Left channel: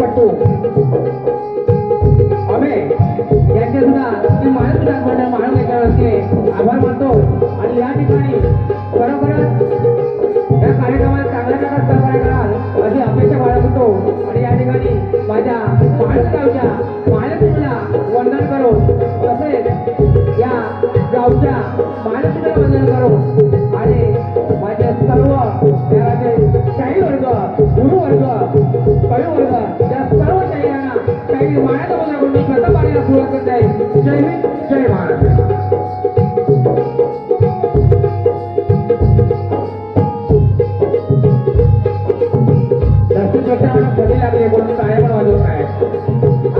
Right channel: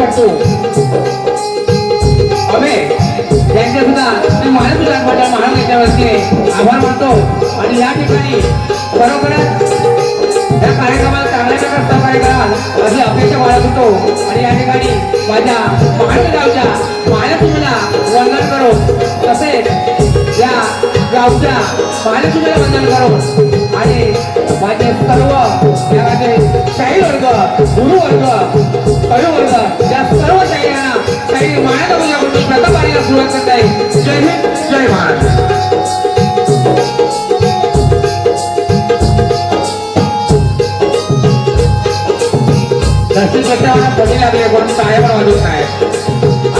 पडतो अबे त्यांचे सुद्धा मी माझ्या सुद्धा महाराज याच्यावरती आभार मानतो आणि या ठिकाणी खरोखरच या कार्यक्रमाला चांगल्या प्रकारे सहकार्य कराल अशी अपेक्षा बाळगत होतो आणि या ठिकाणी माझ्या महाराष्ट्र गावच्या महालक्ष्मीला वंदन करो तसेच या गावच्या महालक्ष्मीला वंदन करो आणि माझे सर्व या शाही वर्ग गुरु वर्ग कवी वर्ग या सर्व शाहीरांना शाही महाराजांकडून प्रथम वारीला सुरुवात करत आहे. जय हिंद जय महाराष्ट्र. कोणी टाळ्या पण वाजवत नाही.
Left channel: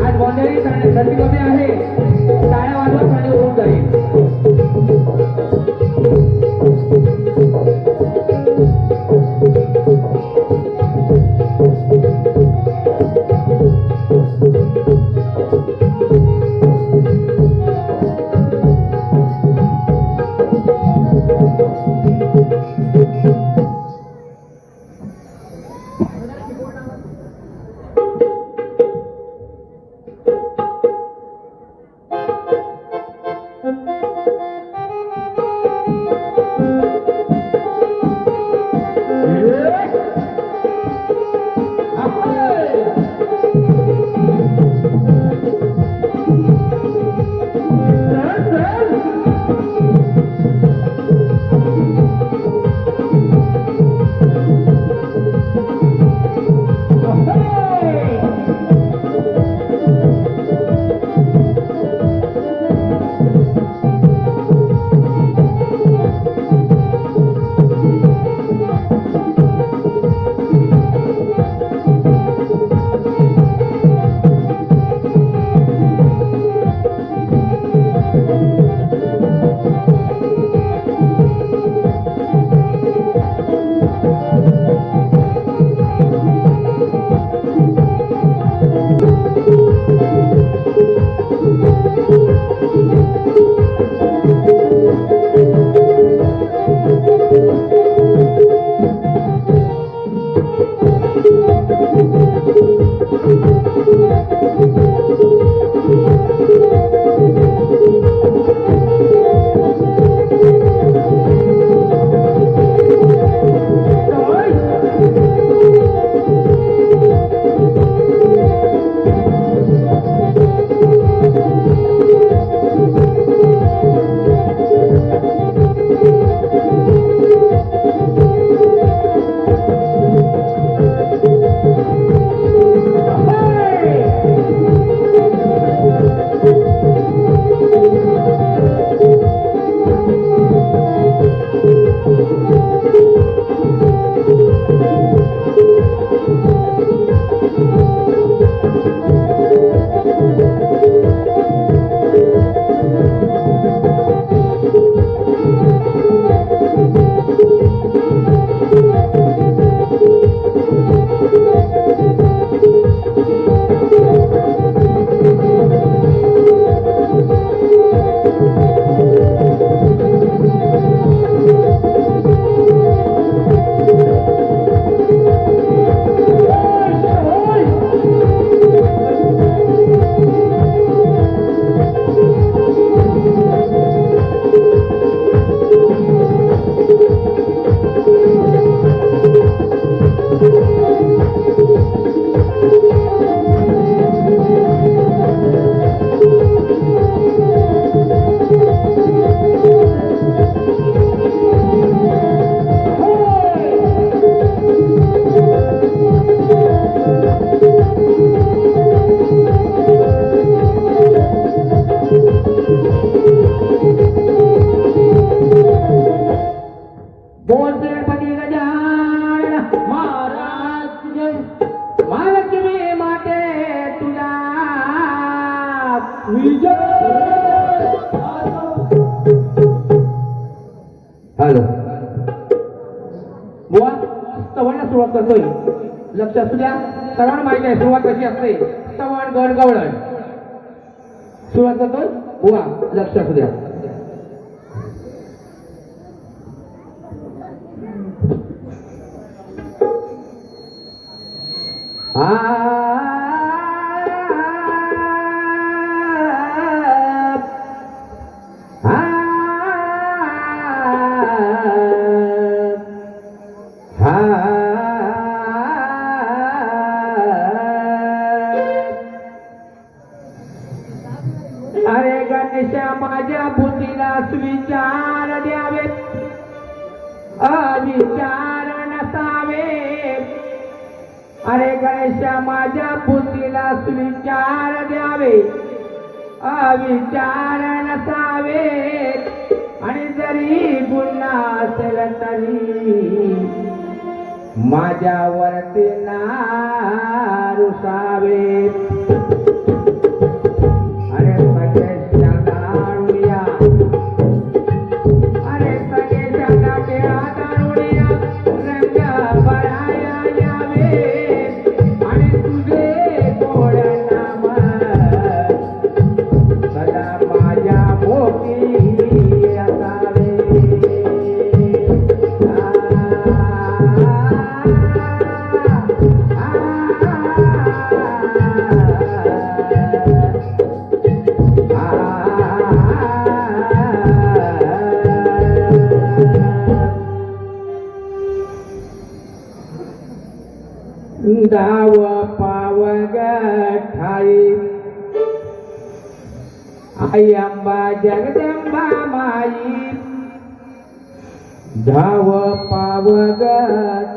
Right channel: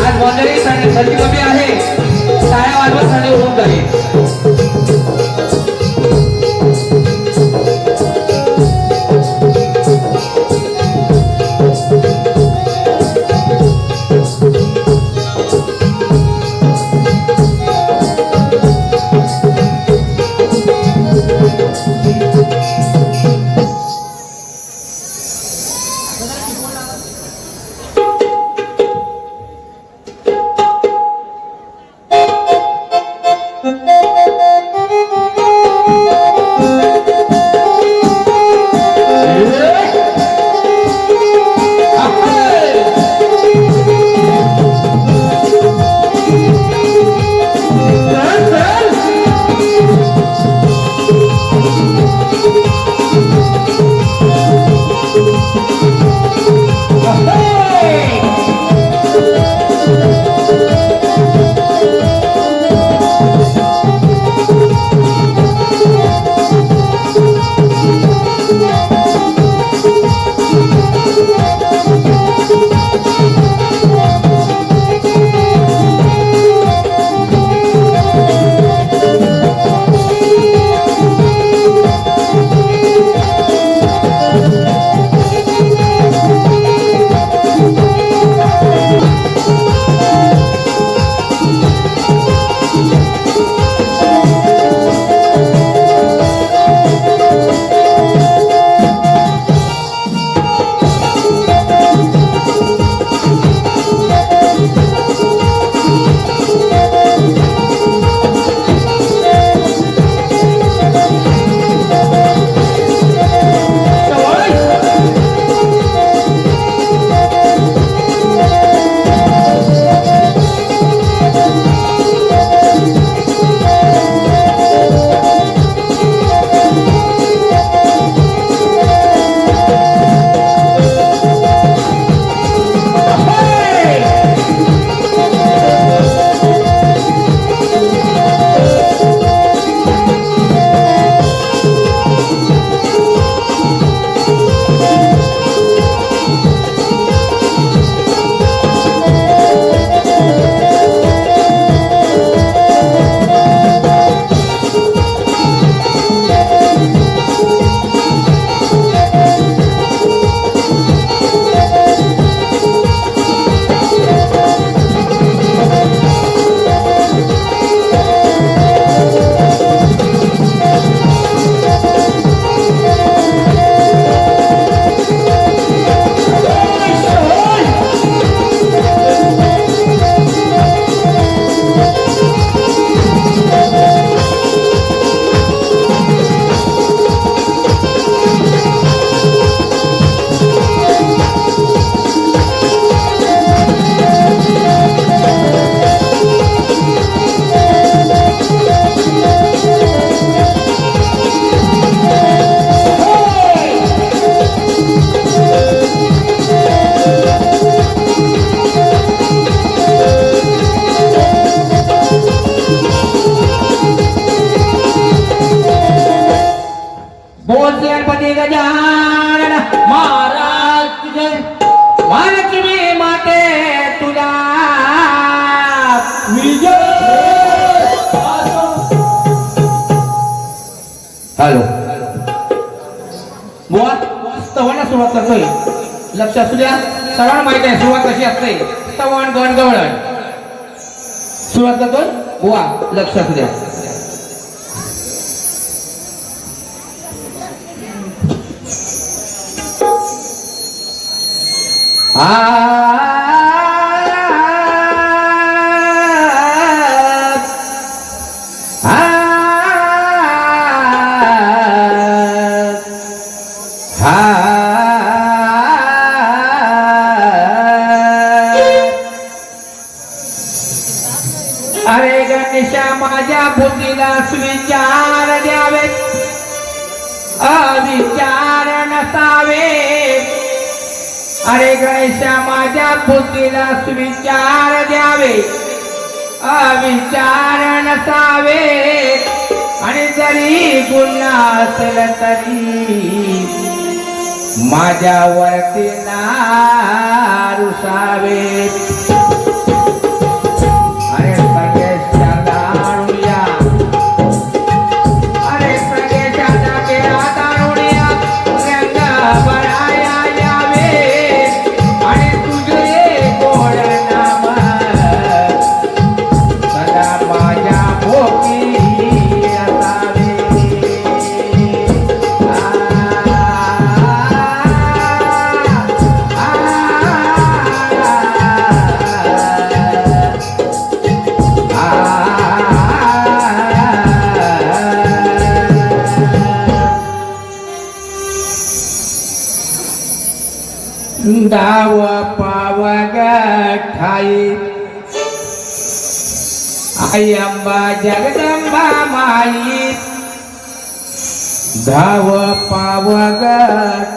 आज गोंधळी थंडी कमी आहे, टाळ्या वाजवत थंडी होऊन जाईल. हॅलो बुवा स्तवना सुरुवात करतोय. लक्ष असू द्या, सर्वांना माहिती आहे सुरुवात कशी असते. स्तवन गणगवळण सुरुवात करतोय बुवा, लक्ष असू द्या. आ गणेशा माझ्या बुद्धीला सुविचार द्यावे अविचार नसावे अरे गणेशा माझ्या बुद्धीला सुविचार द्यावे अविचार नसावे आणि जरी गुन्हा असेल तरी माझ्यावरती नारुसावे अरे सगळ्याच्या दारुया अरे सगळ्याच्या जागेला दारुया रंग भराया यावे आणि तुझे गोड नाम सदा माझ्या भोवती असावे दाव पावग ठाई आई अंबा जगदंबा माई धाव पावग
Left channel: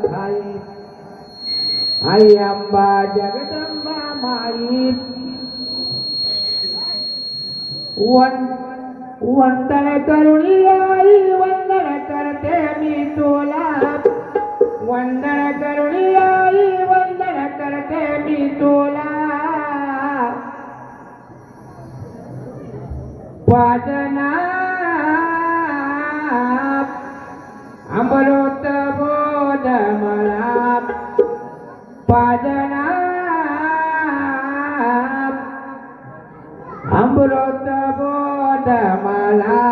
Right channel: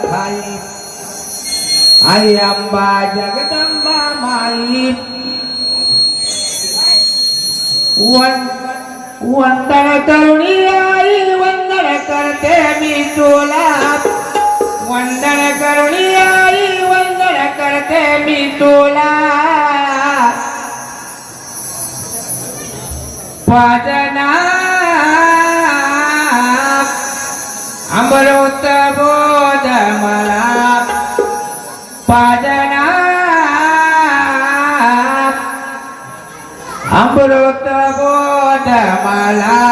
ठाई आई अंबा जगदंबा माई वंदन करुणी आई वंदन करते मी तुला वंदन करुणी आई वंदन करते मी तुला पाजना अमृत बोध मला पाजना अमृत बोध मला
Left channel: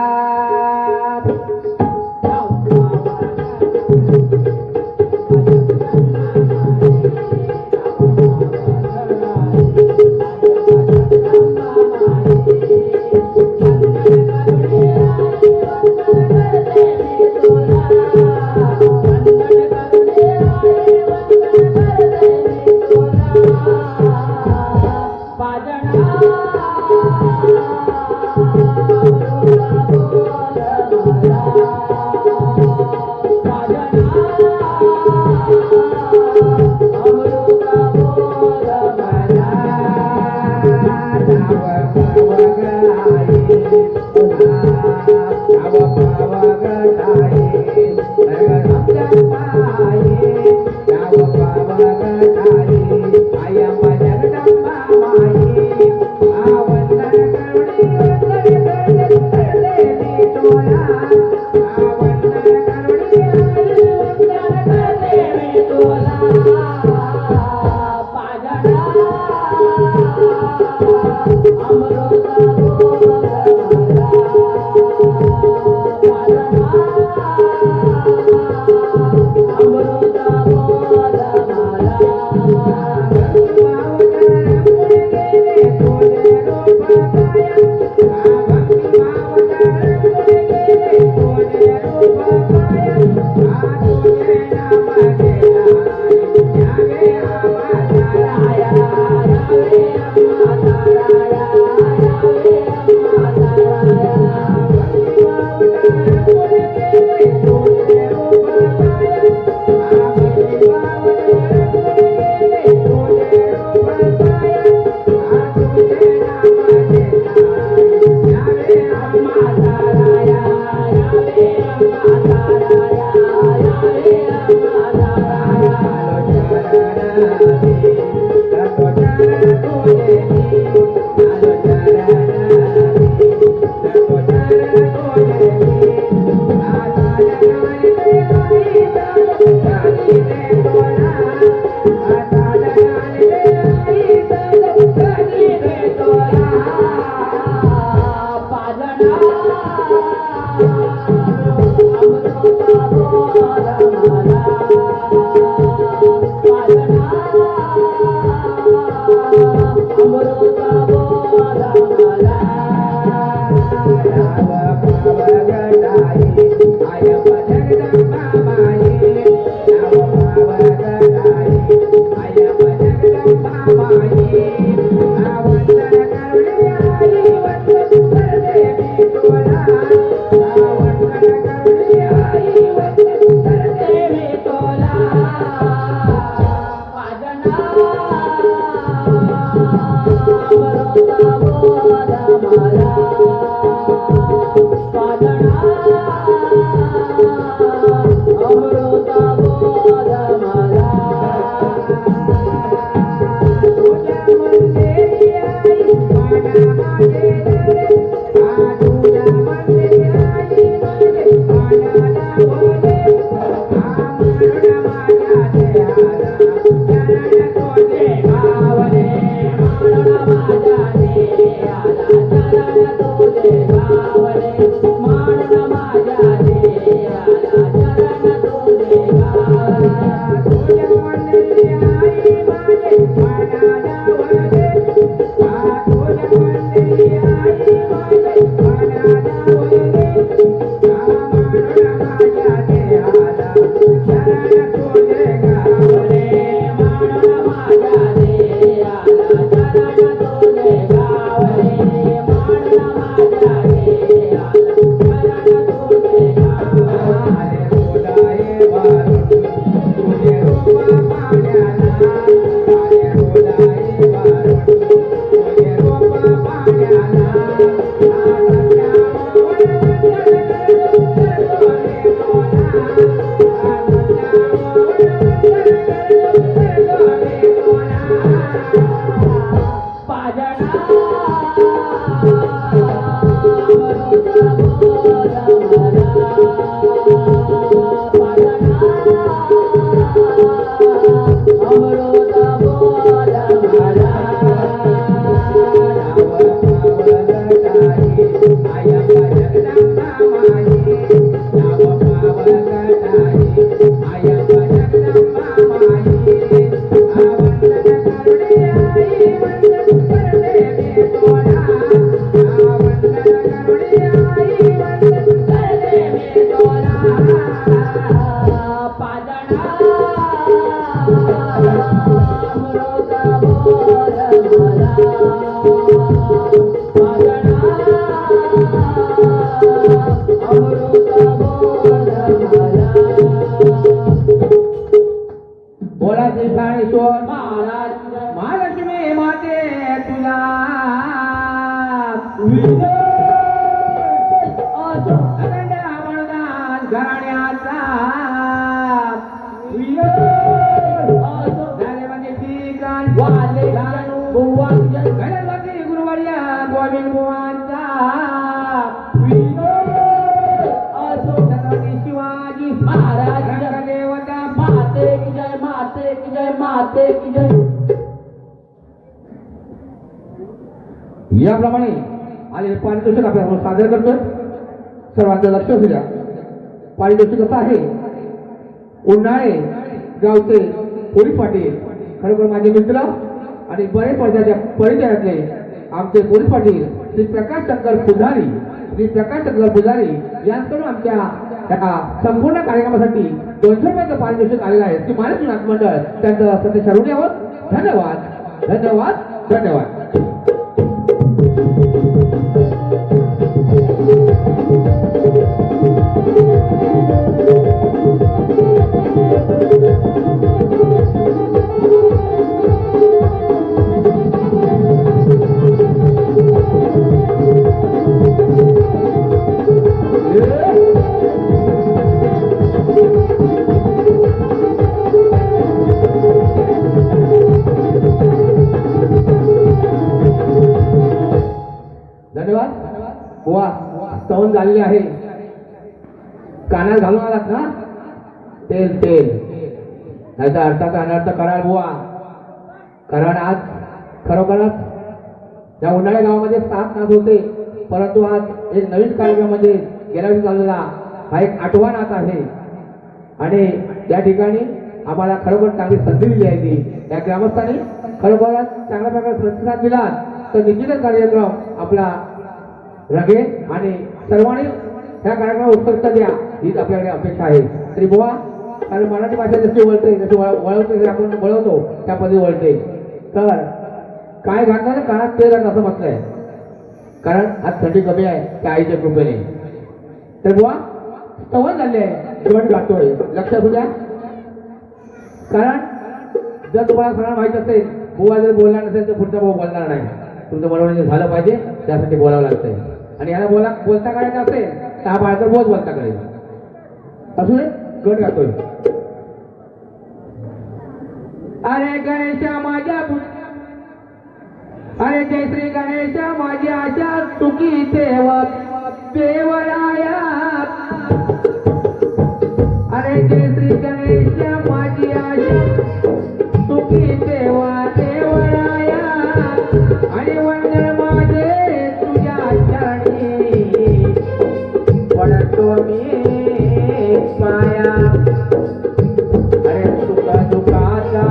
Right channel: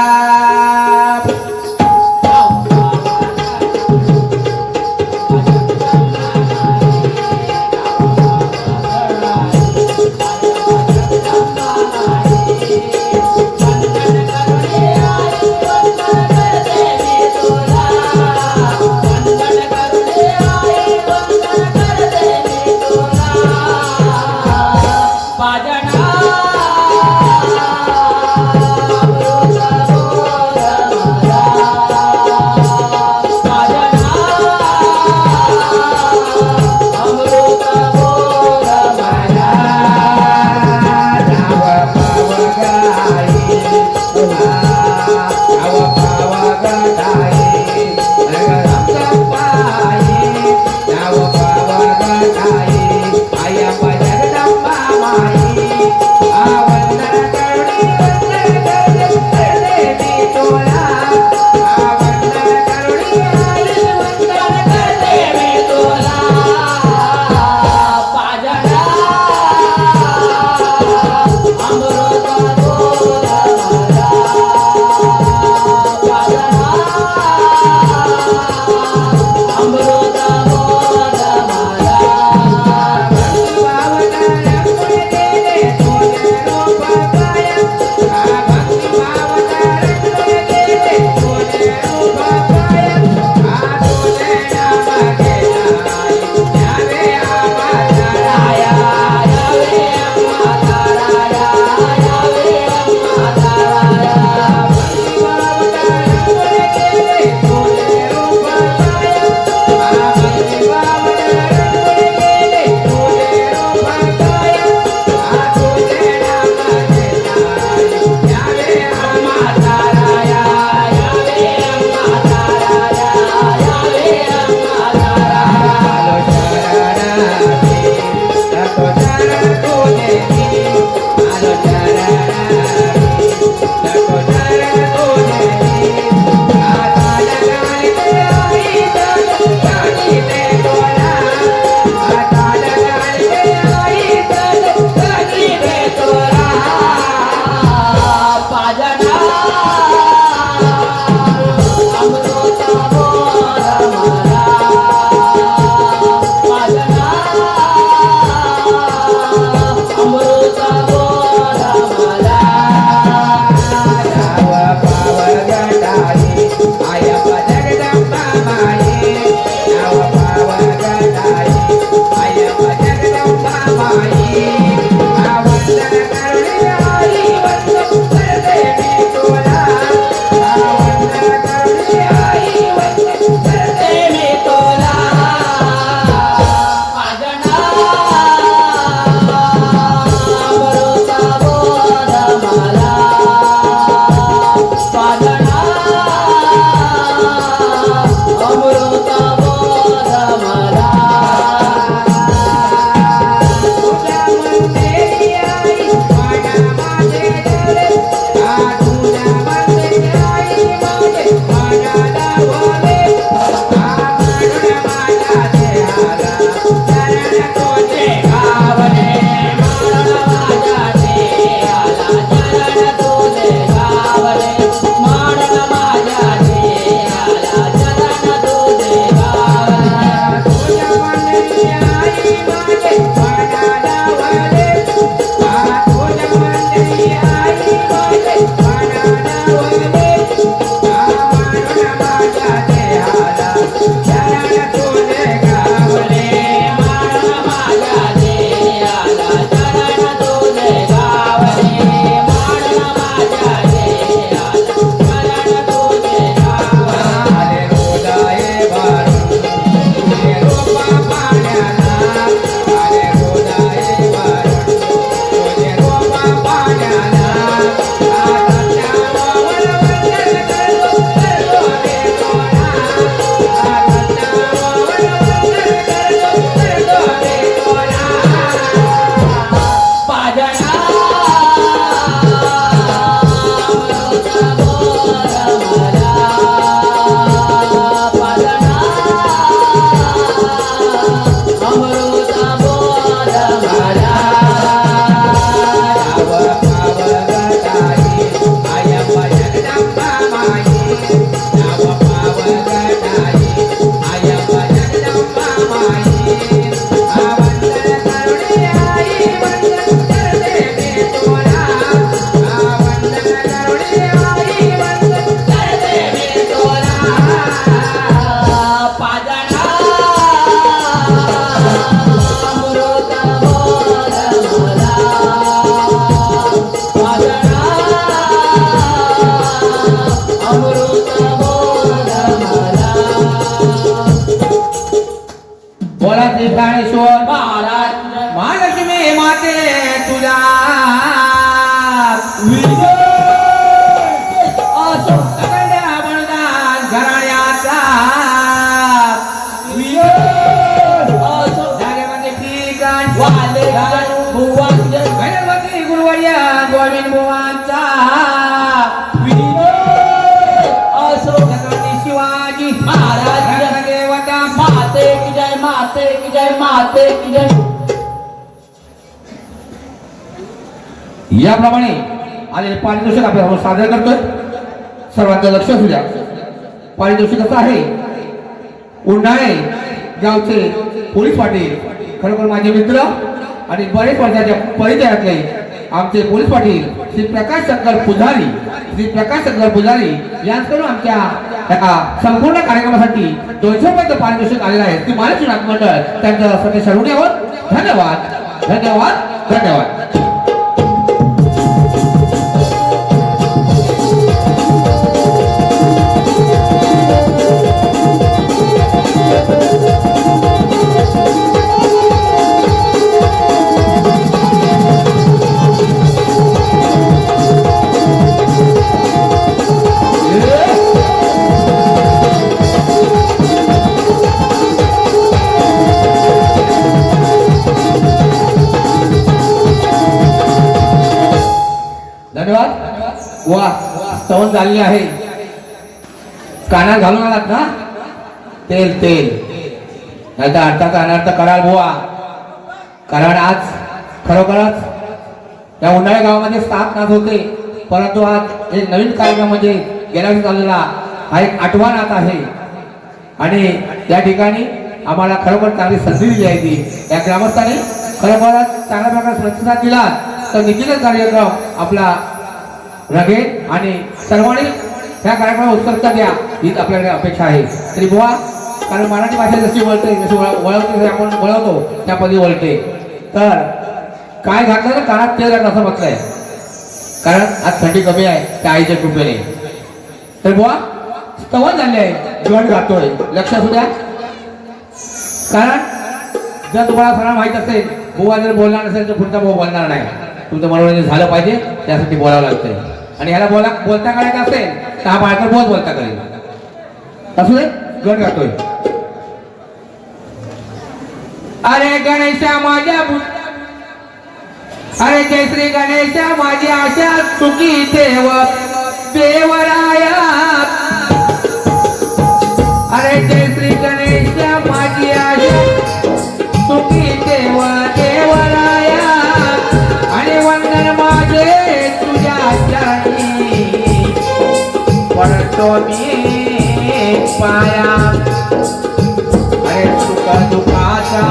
असो सगळ्या बळदान घराण्याचा असो जागेमध्ये ठिकाण वाले बुवांचे गणपती गुरुवर्य गोविंद बुवांचा असो छत्रपती शिवाजी महाराज देवता माते की जय माते की जय माते की जय. याप्रमाणे आलेले पारितोषिक आपल्यासमोर सादर करतोय. सर्वांचं लक्ष असू द्या. पारितोषिक असं आहे, उन्हाळे गावचे पोलीस पाटील, खरोखर माझे मित्र आणि बरेच वर्षाच्या परिचयातले आमचे पोलीस पाटील श्री प्रकाश शंकर पुजारी, श्री प्रकाश शंकर पुजारी यांच्याकडून आमच्या संपूर्ण कार्यक्रमासाठी 200 रुपयाचं पारितोषिक आलेलं आहे. ती मालक नाथ मंडळ त्यांचं सगळे शरण यावं. धन्यवाद धन्यवाद धन्यवाद. वा स्तवन झालेले आहे. कानात घालून आलात ना तेल तेल, नाही तर अर्थाचा अनर्थ कराल बुवा. कारण आज खरोखरच या उन्हाळ्या गावामध्ये 7 नाच होते, परंतु आज एक नवीन कार्यक्रम म्हणजे गेल्या वर्षी चाललेला हा एक 8वा नाच आहे. आणि या ठिकाणी आम्हाला खरोखर चांगली संधी दिली आहे. ती या ग्रामस्थांनी खरोखरच चांगल्या प्रकारे प्रतिसाद दिला तर निश्चितच कार्यक्रम आपला रंगेल आणि सर्वांनी ह्या कार्यक्रमाला उत्सुकता द्या हीच आपल्याकडे अपेक्षा आहे. तरी बुवा, कारण मराठी भाषा जशी वळते, जशी वळवते, आपण वळवतो त्या पदी वळते. तर काय घातलं ना कानात तेल घातलं असं म्हटलंय, कारण आज थंडी कमी आहे त्या आईच्या कृपेने. तर बुवा स्तवन झाले आहे, गण गातोय, लक्ष असू द्या. कारण जर तुम्हाला सर्वांना माहीत असेल, बुवा जर बोलणार नसेल तर पुढचा बुवा बोलणार नाही. तुमचं मनोरंजन झालं पाहिजे, त्यासाठी बोलावं लागतंय. आणि ह्याला बोलता करायचं असेल तर हा बाळकर बहुत बोलता करेल. असू दे, गण गातोय. अरे गणेशा माझ्या अरे जय श्री गणेशा माझी आशा सुखी देव देवराया. अरे जय श्री गणेशा माझी आशा सुखी देव देवराया. आणि वंदन माझे तुझ्या चरणी पडतो मी पाया. अरे सुख दुःखाचा,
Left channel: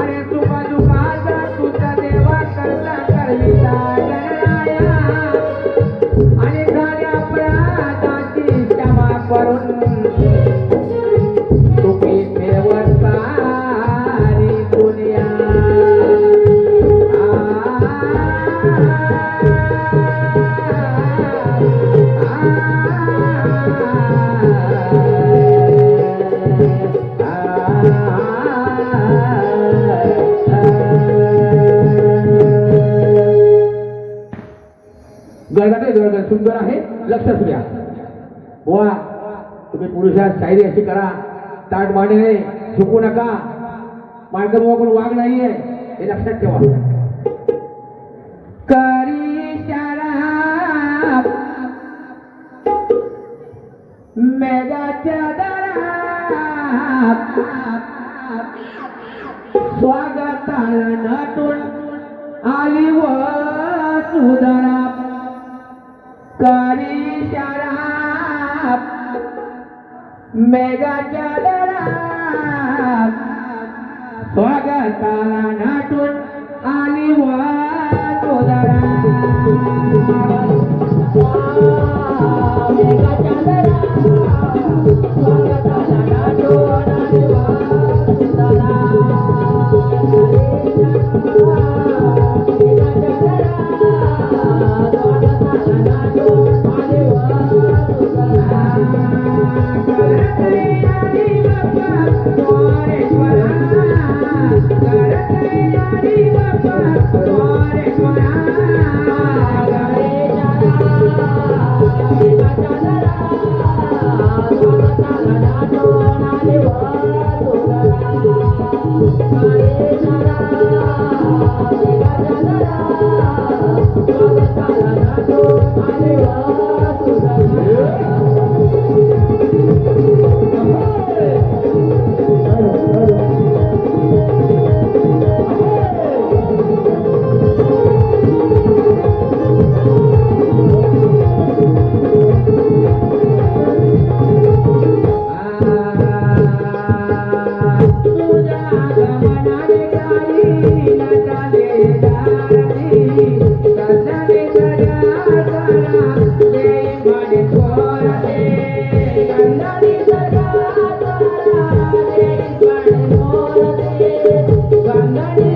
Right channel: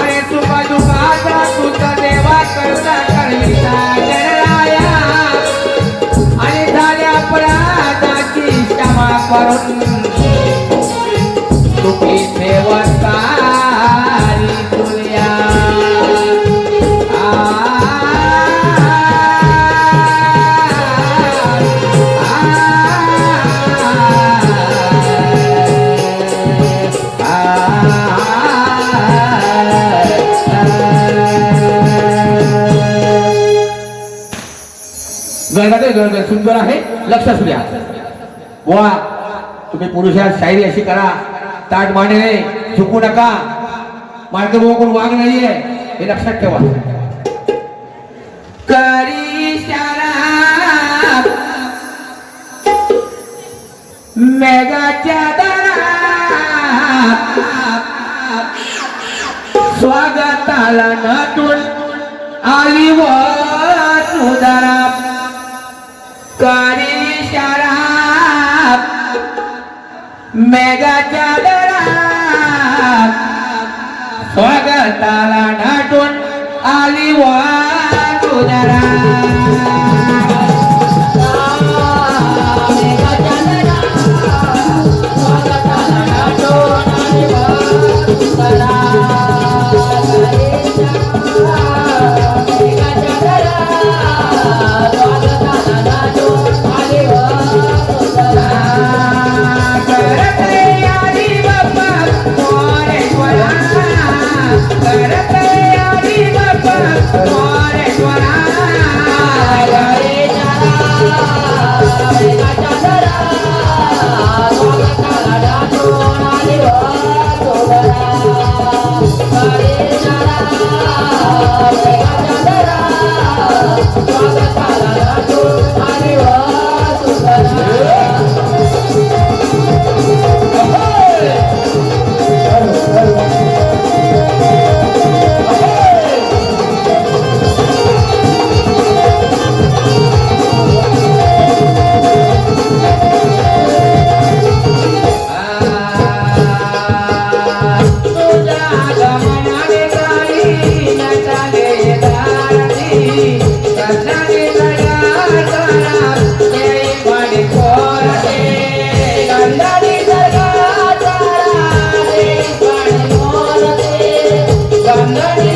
अरे सुख दुःखाचा तुझा देवा करता करविता जराया. आणि झाल्या अपराधाची क्षमा करून सुखी देवता दुनिया. गळगाटे सुंदर आहे, लक्ष असू द्या. बुवा तुम्ही पुरुषात शायरी अशी करा, ताट मांडणे, झुकू नका. मार्गबुवा कोण वाघ नाहीये हे लक्षात ठेवा. करी शराब मेघाच्या दरात स्वागताला नटून आली व सुधारा. करी शराब मेघाच्या दरात स्वागताला नटून आली व सुधारा. मेघाच्या Yeah.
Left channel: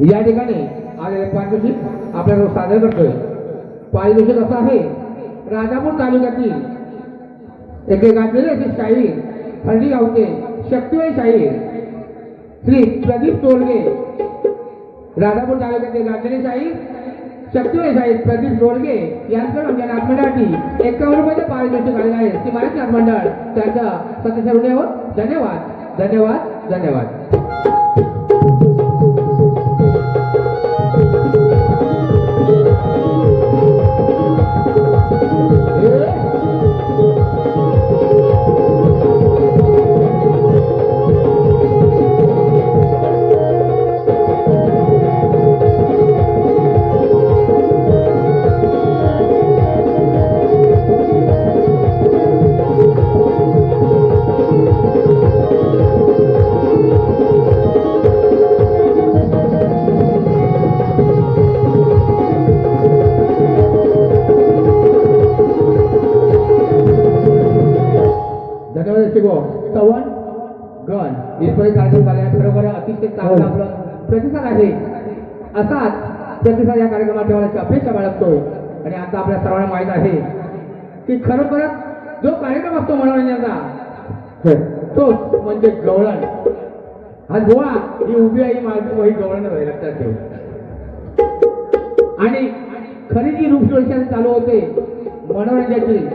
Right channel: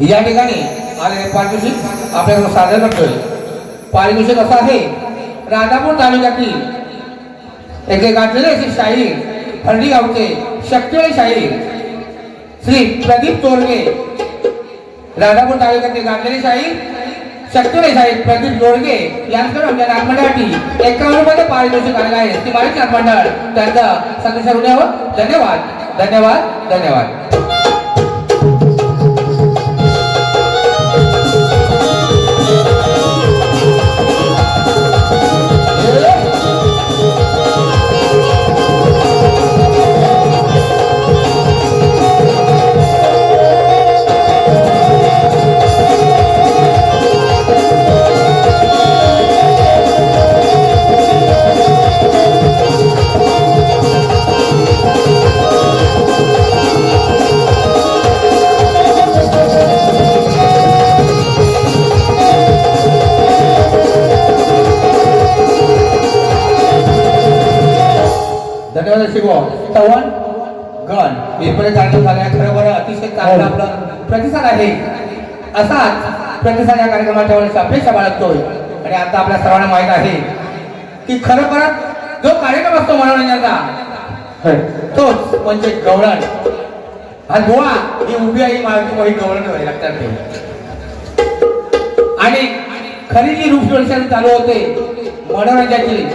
या ठिकाणी आलेले पारितोषिक आपल्याकडे सादर करतोय. पारितोषिक असं आहे, राजापूर तालुक्यातील एक गाजलेले असे शाहीर फर्डी गावचे शक्तिशाली शाहीर श्री प्रदीप तोरगे. राजापूर तालुक्यातील गाजलेले शाहीर शक्तिशाली शाहीर प्रदीप तोरगे यांच्याकडे आमच्या नागमंडळासाठी 51 रुपये पारितोषिक आलेलं आहे. ती माहिती नागमंडळ त्यांचा सदस्य होण्यावर धन्यवाद धन्यवाद धन्यवाद. चव्हाण गण इथपर्यंत कार्यक्रम झाला. खरोखर अतिशय चांगला आपला प्रतिसाद आहे. असाच प्रतिसाद या कार्यक्रमाच्या वेळेस अपेक्षा बाळगतोय. आणि आता आपल्या सर्वांना माहित आहे की खरोखरच जो कार्यक्रम असतो मनोरंजनाचा तोच म्हणजे गवळण. आणि बुवा ही उभी आहे माझी वही गवळण होय लक्षात ठेव. आणि खरी जी रूपरेषा चालू होते मनोरंजनाची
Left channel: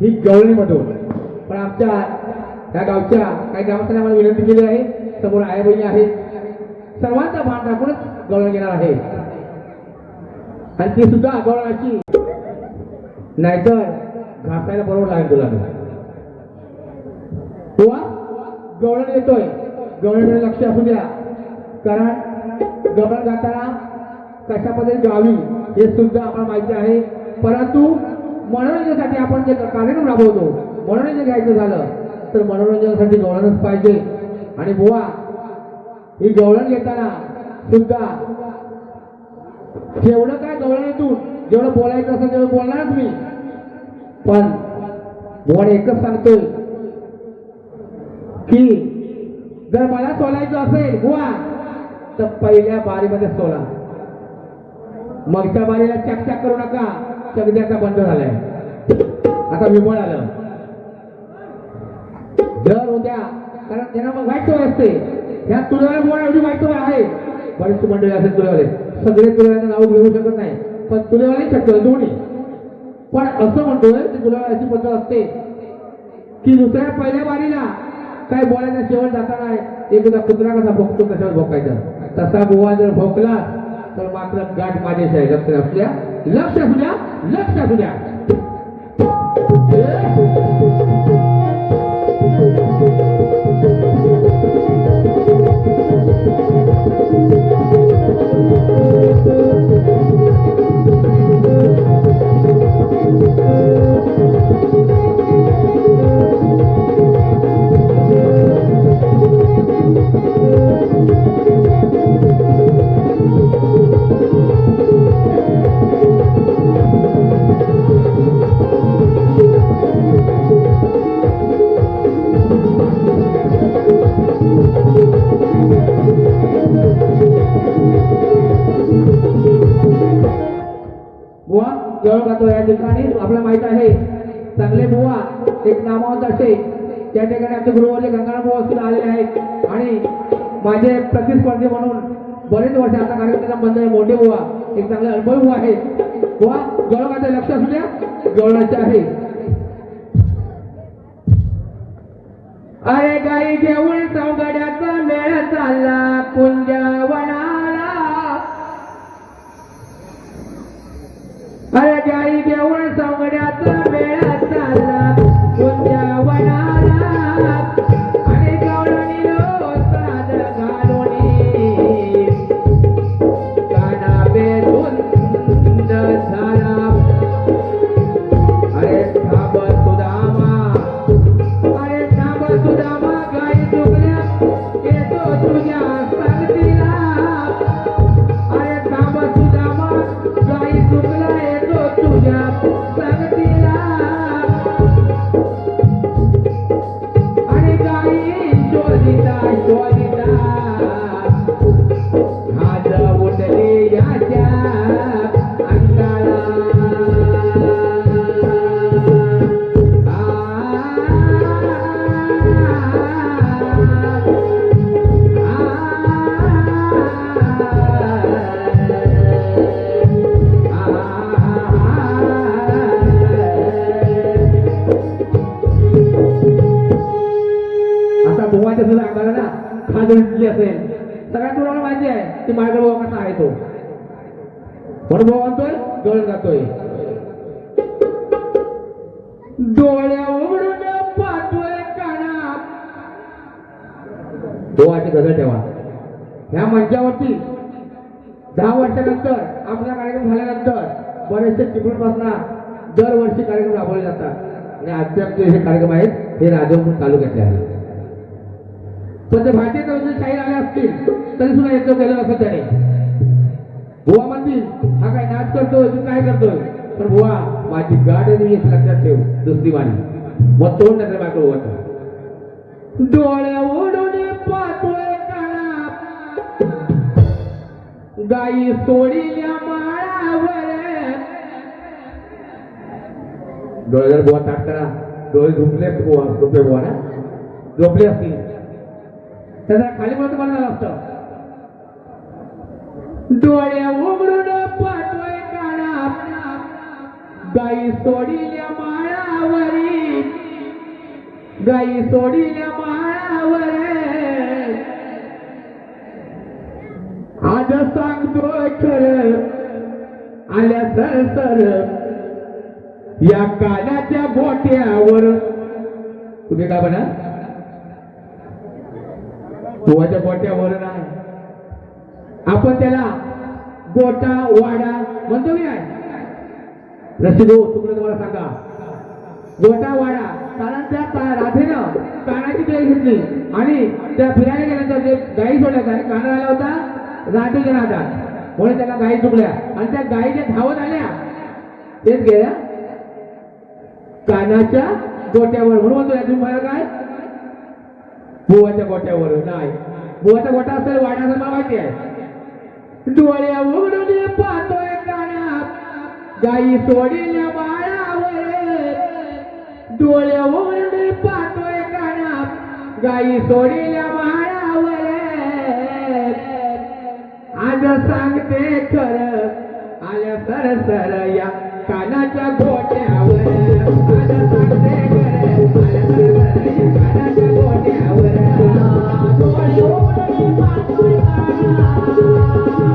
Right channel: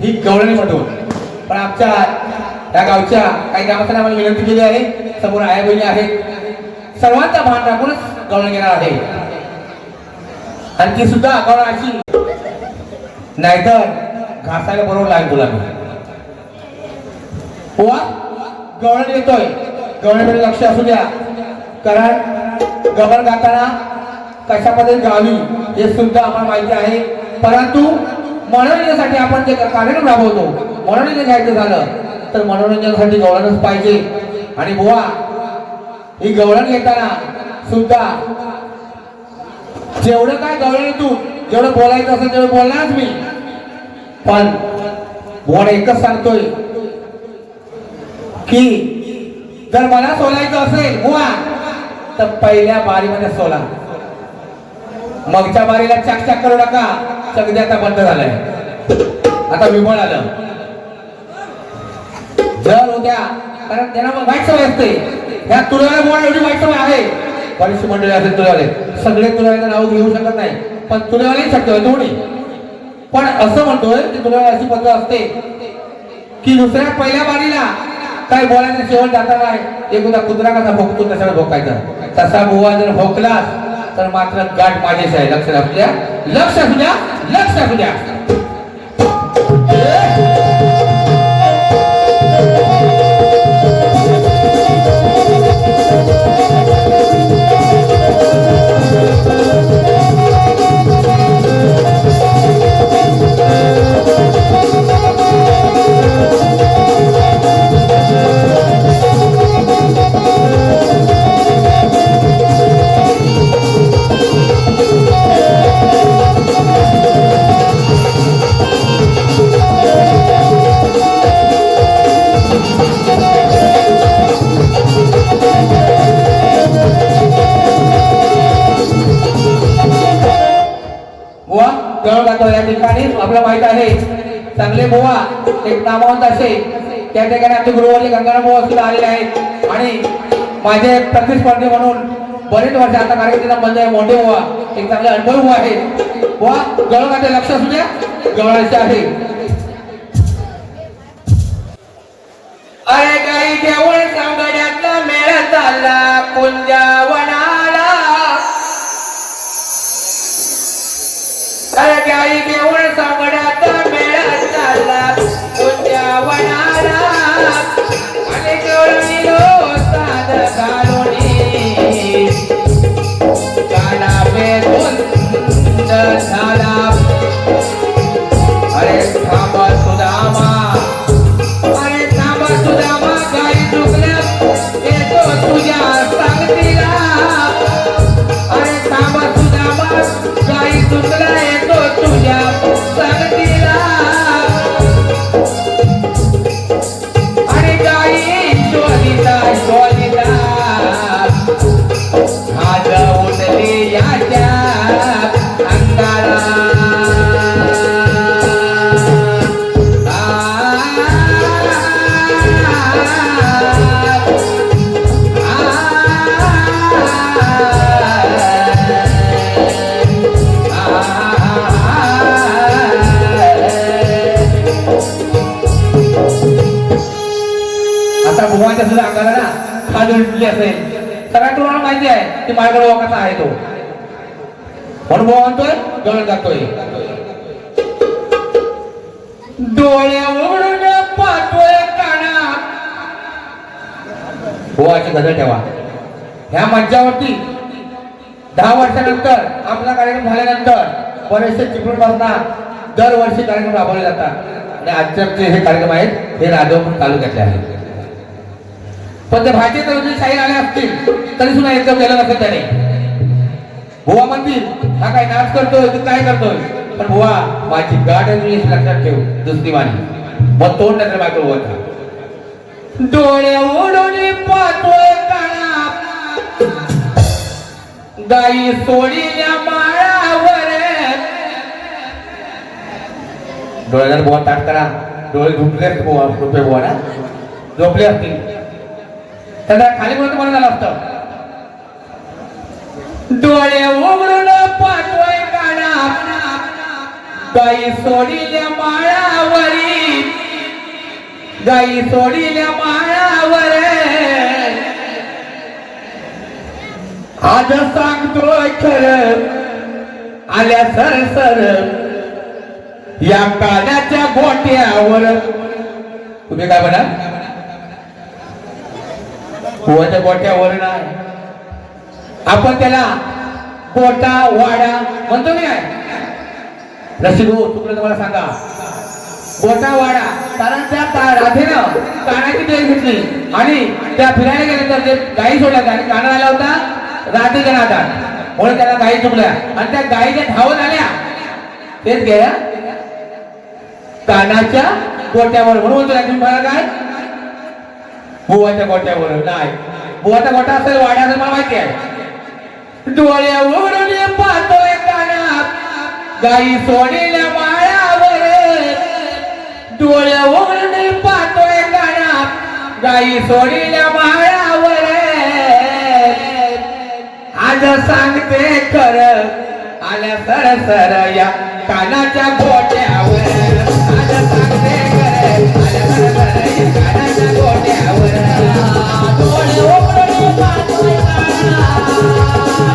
ही गवळणीमधून. पण आमच्या या गावच्या काही ग्रामस्थांना आम्हाला विनंती केली आहे, समोर आया बहिणी आहेत, सर्वांचा मान राखूनच गवळण घेणार आहे. आणि ती सुद्धा गवळण अशी नाहीतर घासायला बरोबर लागेल तुला. बुवा गवळण येतोय, गवळणीकडे लक्ष असू द्या. कारण गवळण गाताना कशा पद्धतीने गावी हे सुद्धा आम्हाला माहिती आहे. परंतु मनोरंजनासाठी आपण जे कार्यक्रम राबवतो, मनोरंजन घ्यायचं झालं तर मनोरंजनासाठी गवळणच पाहिजे. आणि बुवा ही गवळण घेताना सुद्धा जेवढं काय गवळणीतून जेवढं बोलायचं असेल तेवढं बोलणारच मी. पण बुवा एकच सांगतोय की जर मला सोलायचं असेल बुवा तर पहिल्या बारीमध्ये सोला, मगच्या बारीला चकचक करू नका. सगळे आता बंद झालंय, आता विमळ आलं. जर उद्या कारण त्यांना मग वाईट सवय असते. ह्या तुळ्याला बुवा एवढी वाईट सवय आहे. बरीचशी मंडळी असेल तुळ्यावाले, सगळे तुळ्याला नाव घेऊ शकत नाही, पण तुळ्यावाले शक्य दोन्ही. पण असं म्हणतोय की तुळ्याला अशी पद्धत असते की दुसऱ्या पहिल्या बारीला काय बोलायचं शेवट जाताना एकदा कुत्रा कसा भोगतो तसा भोकायचा. तसा बुवा जर भोकलास तर मात्र गाठ माझ्याशी आहे. लक्ष असू द्या, लक्ष असू द्या, लक्ष असू द्या. आपल्याला माहित आहे चांगले बुवा एक नामवंत असे त्या ठिकाणी आमचे गुरुवारी गंगाराम बुवा सुद्धा आलेले आहेत आणि माझे प्रतिस्पर्धी म्हणून बरेच वर्ष आता कार्यक्रम बंद आहे मोठे बुवा एक चांगले अनुभव बुवा आहे बुवा गवळणाचे लक्ष असू द्या गवळांचे आहे. अरे गाई घेऊन सांगड्याचा मेळा चालला कुंजवनाला. अरे गाई घेऊन सांगड्याचा मेळा चालला कुंजवनाला. आणि गवळणी लो साध घालूनी काना बेधुंद झाला. अरे थांब सुदामा अरे थांब सुदामा गाई चुकल्या येतो तुझ्या सांगतीला. अरे थांब सुदामा गाई चुकल्या येतो तुझ्या सांगतीला. आणि गाई शोधिता शोधिता आज उठली याच्या अंगाला. आता भगवानच्या सुद्धा अंगाला ना खाज उठली असेल सगळ्या तुम्हाला माहिती आहे की माझ्याकडे भाऊ कसा आहे तो म्हणून भाऊ म्हणतोय गळत जातोय. डोळे उघडून पाहतोय काना. भावाची गजर ठेवा. ह्या मंचावरती 10 वर्षानंतर आपला कार्यक्रम झाल्यानंतर बरेचसे चिपळूणपासून दरवर्षी कार्यक्रम राबवले जातात आणि आजचे हे कार्यक्रम आहेत हे राजवपूर तालुक्यातले आहेत. पण ते भारतीय तरुणी शाहीर आले असतील तरी सुद्धा एकदम गेलं नसेल त्याने. बुवा म्हणतील हा काय नाच करतोय तू काय करतोय पण बुवा माझी गाठ आहे लक्षात ठेव दुसरी मानी मग तोंड नजर बायको होता. डोळे उडून पाहतोय काना गाई सोडील्या माळावर. डोळे जर बुवा ताट करा डोळे झुकले बुवा रुपये बुवा ना झोपले असतील त्याला खाली बोलतो म्हणून झालं असतं. डोळे उघडून पाहतोय काना गाई सोडील्या माळावरी. गाई सोडील्या माळावर आज सांगतोय खरं आल्या सरसर या कानाच्या गोट्यावर. तुम्ही काय म्हणाल गोव्याच्या गोट्यावर नाही आपण त्याला गोटा वाडा म्हणतो नाही रसिको तुम्हाला मला सांगा गोटा वाडा कारण त्या राधेनं कानाची देळ घेतली आणि त्या फिरायला गेल्यानंतर ते गाई सोडल्या आणि काना आला होता राधेच्या नादात म्हणून त्याला गाई चुकल्या आणि त्या गाईच्या धावत आल्या तेच गेल्या कानाच्या गोट्यावर. म्हणून म्हणतो तुम्ही मला काय बुवाच्या गोट्यावर नाही बुवाचा गोटा असेल वाड्या असेल मला माहिती आहे. डोळे उघडून पाहतोय काना गाई सोडील्या माळावर. डोळे उघडून पाहतोय काना गाई सोडील्या माळावर. आज सांगते खरं आल्या सरसर या कानाच्या गोट्यावर. आज सांगते खरं आल्या सरसर या कानाच्या गोट्यावर. डोळे उघडून पाहतोय काना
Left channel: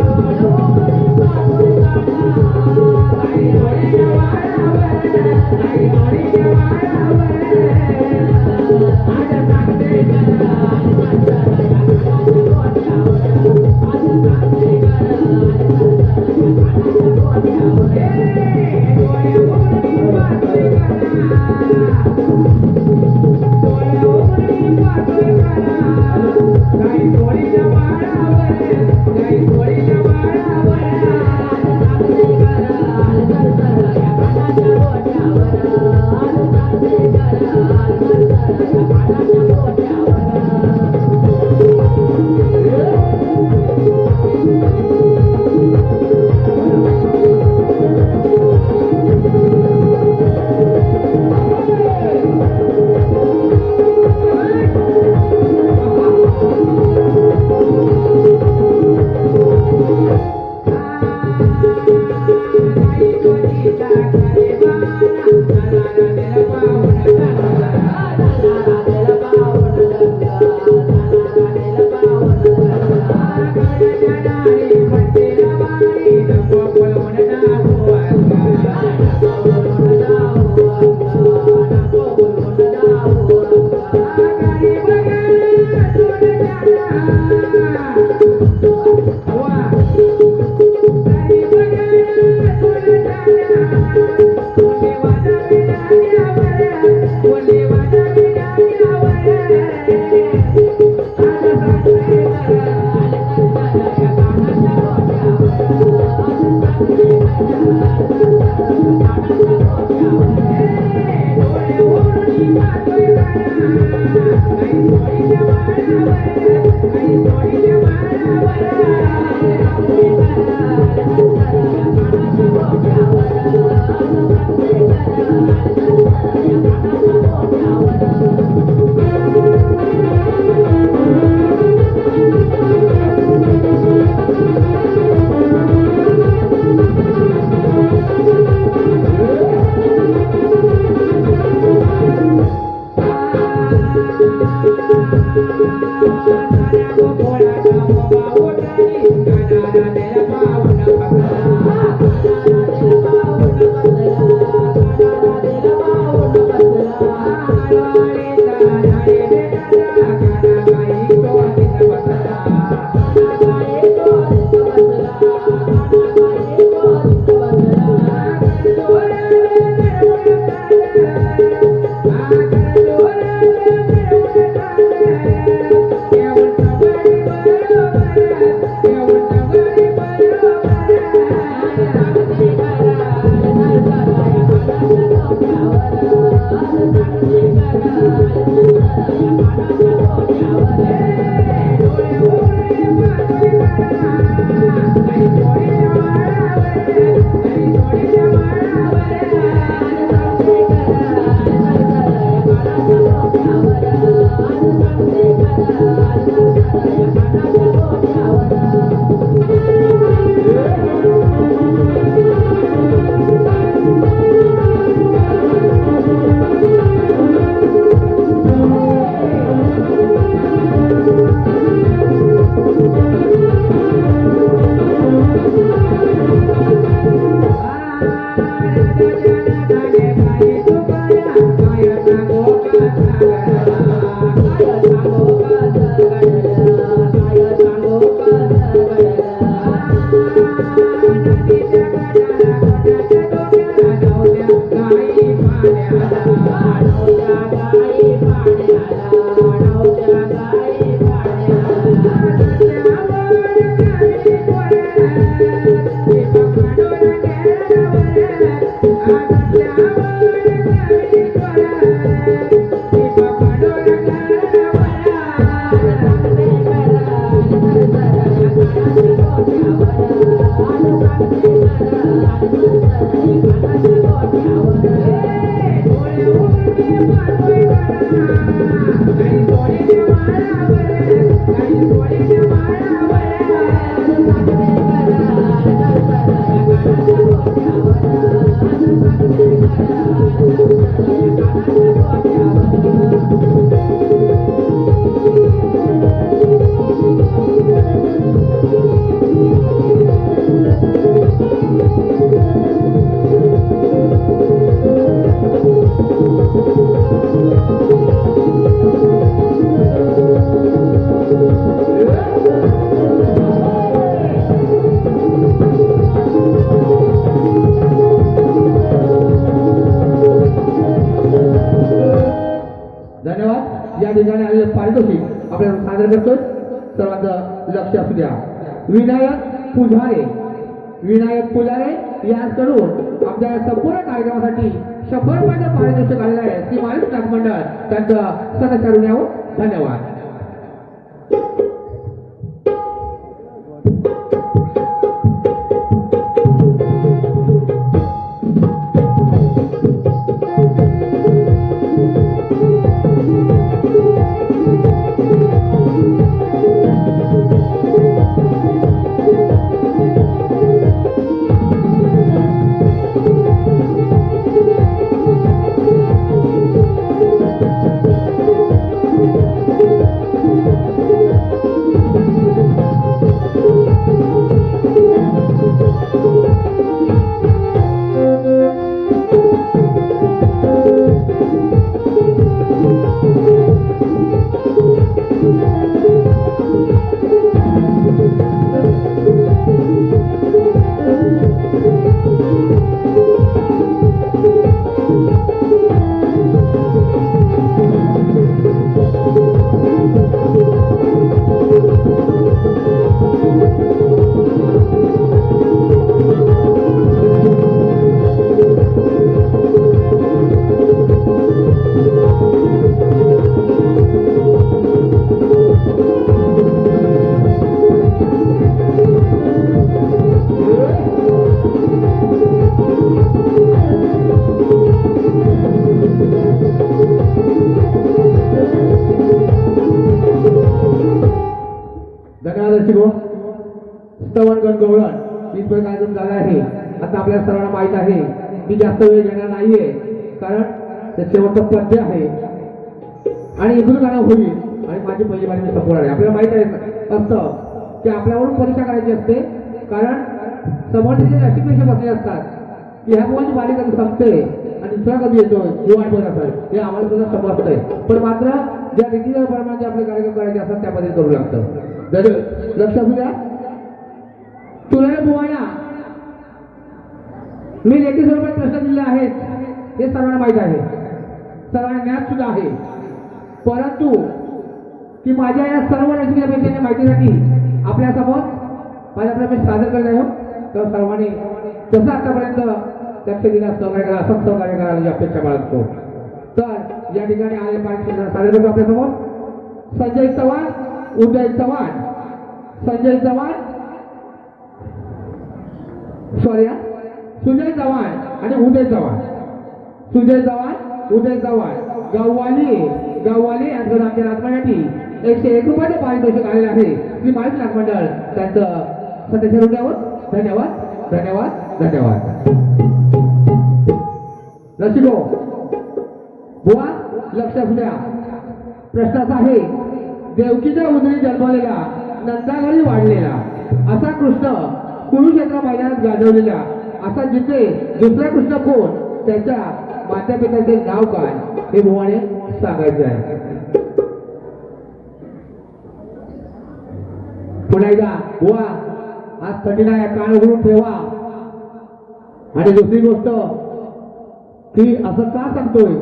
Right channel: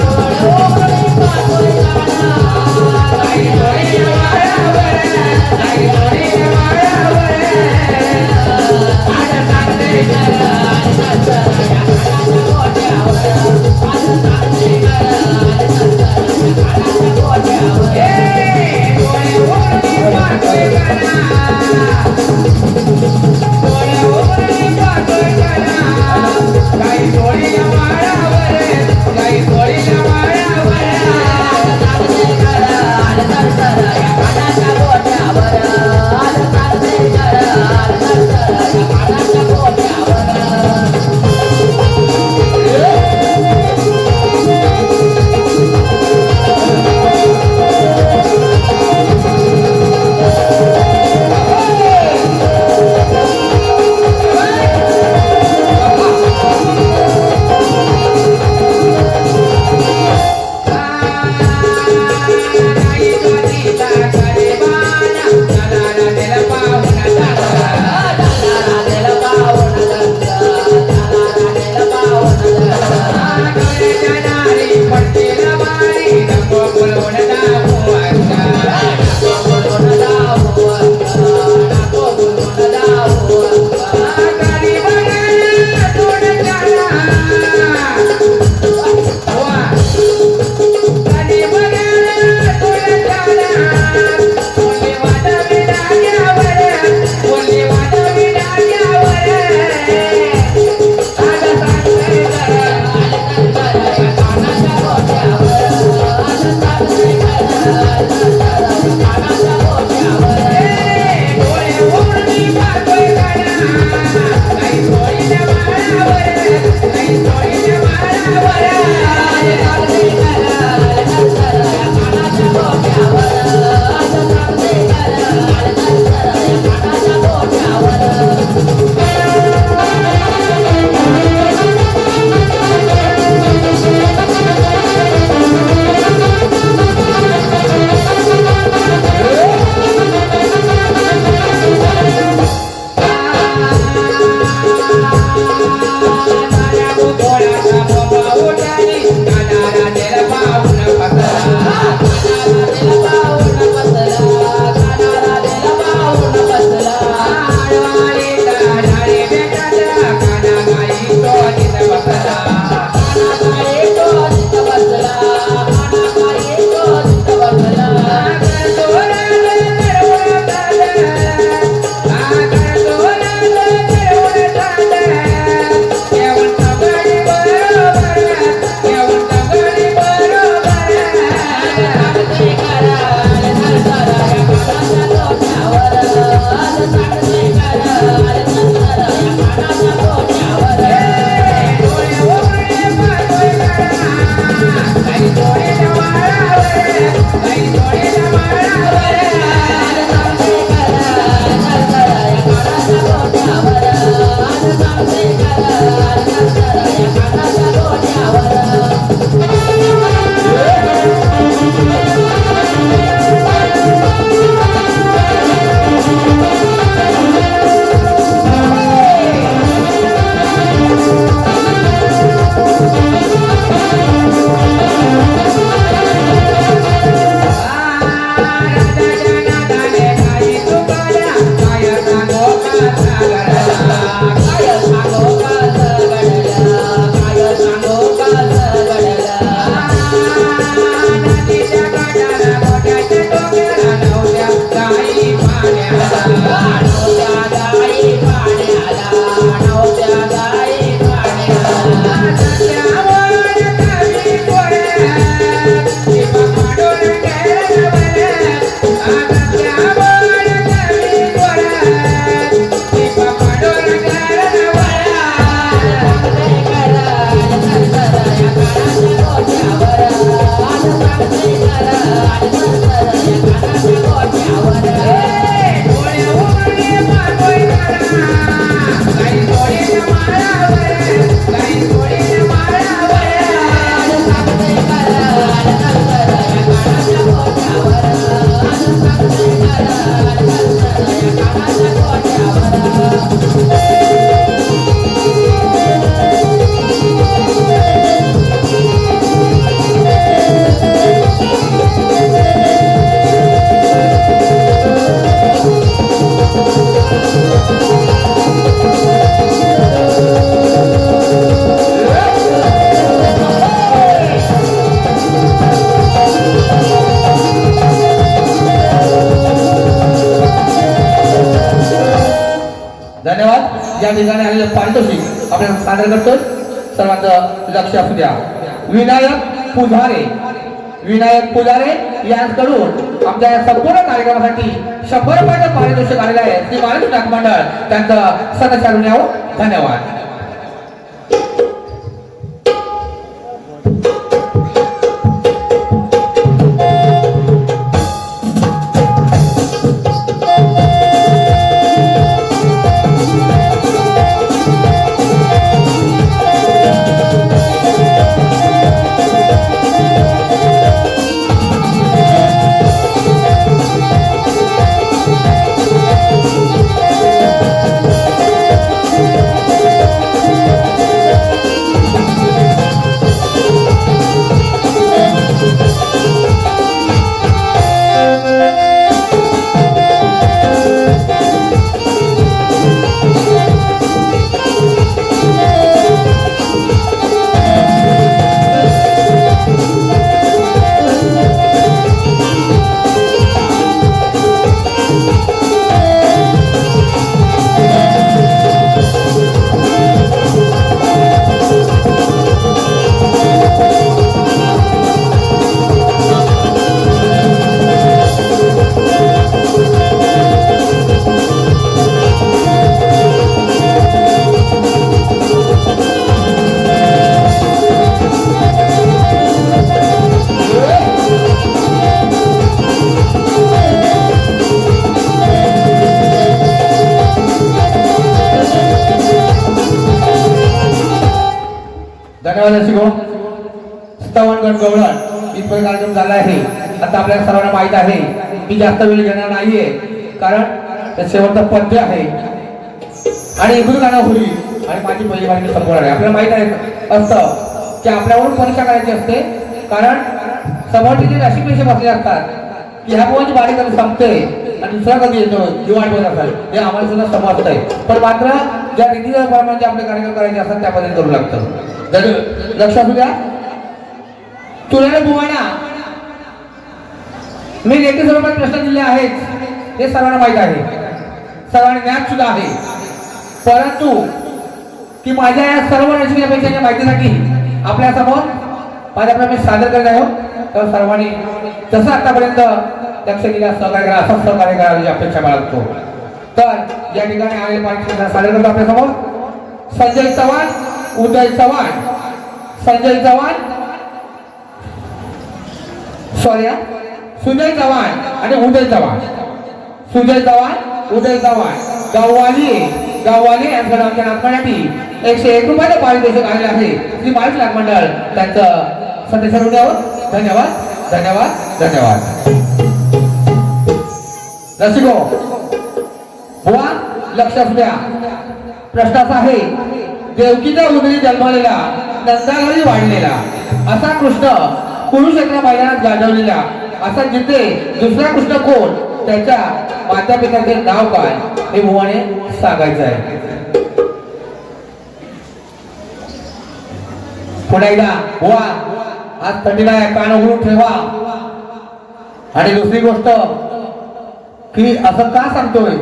डोळे उघडून पाहतोय काना गाई सोडील्या माळावर. गाई सोडील्या माळावर. आज सांगते खरं आल्या सरसर या कानाच्या गोट्यावर. आज सांगते खरं आल्या सरसर या कानाच्या गोट्यावर. डोळे उघडून धन्यवाद. या ठिकाणी आलेलं पारितोषिक आपल्याला सादर करतो. सर्वांचं लक्ष असू द्या. विनायक पुजारे यांकडून आमच्या या संपूर्ण कार्यक्रमासाठी 100 रुपयाचं पारितोषिक आलेलं आहे. श्री महाराष्ट्र नाट्य मंडळ त्यांचं सदस्याकडून यावं. धन्यवाद. स्तवनगड गवळण इथपर्यंत कार्यक्रम झाला आहे. आता आपल्याला सर्वांना माहित आहे मी जास्त वेळ घेणार नाहीये, कारण ते शेवटचं पद्य आहे आणि इकडून गाणं होईल आणि माझी पहिली वारी संपूर्ण आहे. आपल्याला माहित आहे असतं की आपल्यावरून परीक्षा करायची असते, कारण समोरचे जे अशी पेशे बसले असतात की ह्या मुलाची बारी कधी संपते आणि दुसरा कधी येतो हे वाट बघत असतात. हे आम्हाला सुद्धा समजतंय, पण मात्र ज्या रीतीच्या प्रमाणे आपले कार्यक्रम करायचे असतात त्या पद्धतीने करू लागतं. लक्ष असू द्या. तुला बुवाना मी लेखी स्वरूपात प्रश्न दिले आहेत हे सर्वांना माहित आहे, सर्वांना ज्ञात सुद्धा आहे, परंतु की माझ्या या सर्व रचनेपेक्षा माहितीसाठी आपल्या समोर माझ्याकडे मी सादर करत आहे. तर सर्वांनी जसं आतापर्यंत लक्ष दिलं सहकार्य करा, असं सहकार्य करायची अपेक्षा बाळगतो. तर या ठिकाणी आलेले पाहिजे सादर करतो आपल्या समोर संजय चव्हाण, उदय चव्हाण, संजय चव्हाण, सुजय चव्हाण आणि उदय चव्हाण, सुजय चव्हाण, उदय चव्हाण गाववाली यांचं आमच्या नागपूरसाठी 101 रुपयाचं पारितोषिक आलेलं आहे. श्री महाराष्ट्र नाट्य मंडळ त्यांचं सदस्य होण्यावर धन्यवाद. धन्यवाद. धन्यवाद. रसिको बुवा लक्ष असू द्या. प्रश्न असा आहे, देवकीच्या उदरी जन्मलेला नंदाघरी वाढलेला असा कृष्ण कुरुक्षेत्र मैदानात गाजवलेला असा जिथे दुसरा कृष्ण कोण, त्याच्या माता पित्याचे नाव काय हे बुवाने सांगायचं आहे. पुन्हा एकदा बुवा आज थंडीला कान उघडून ठेवा. आणि दुसरी गोष्ट की असं का सांगतोय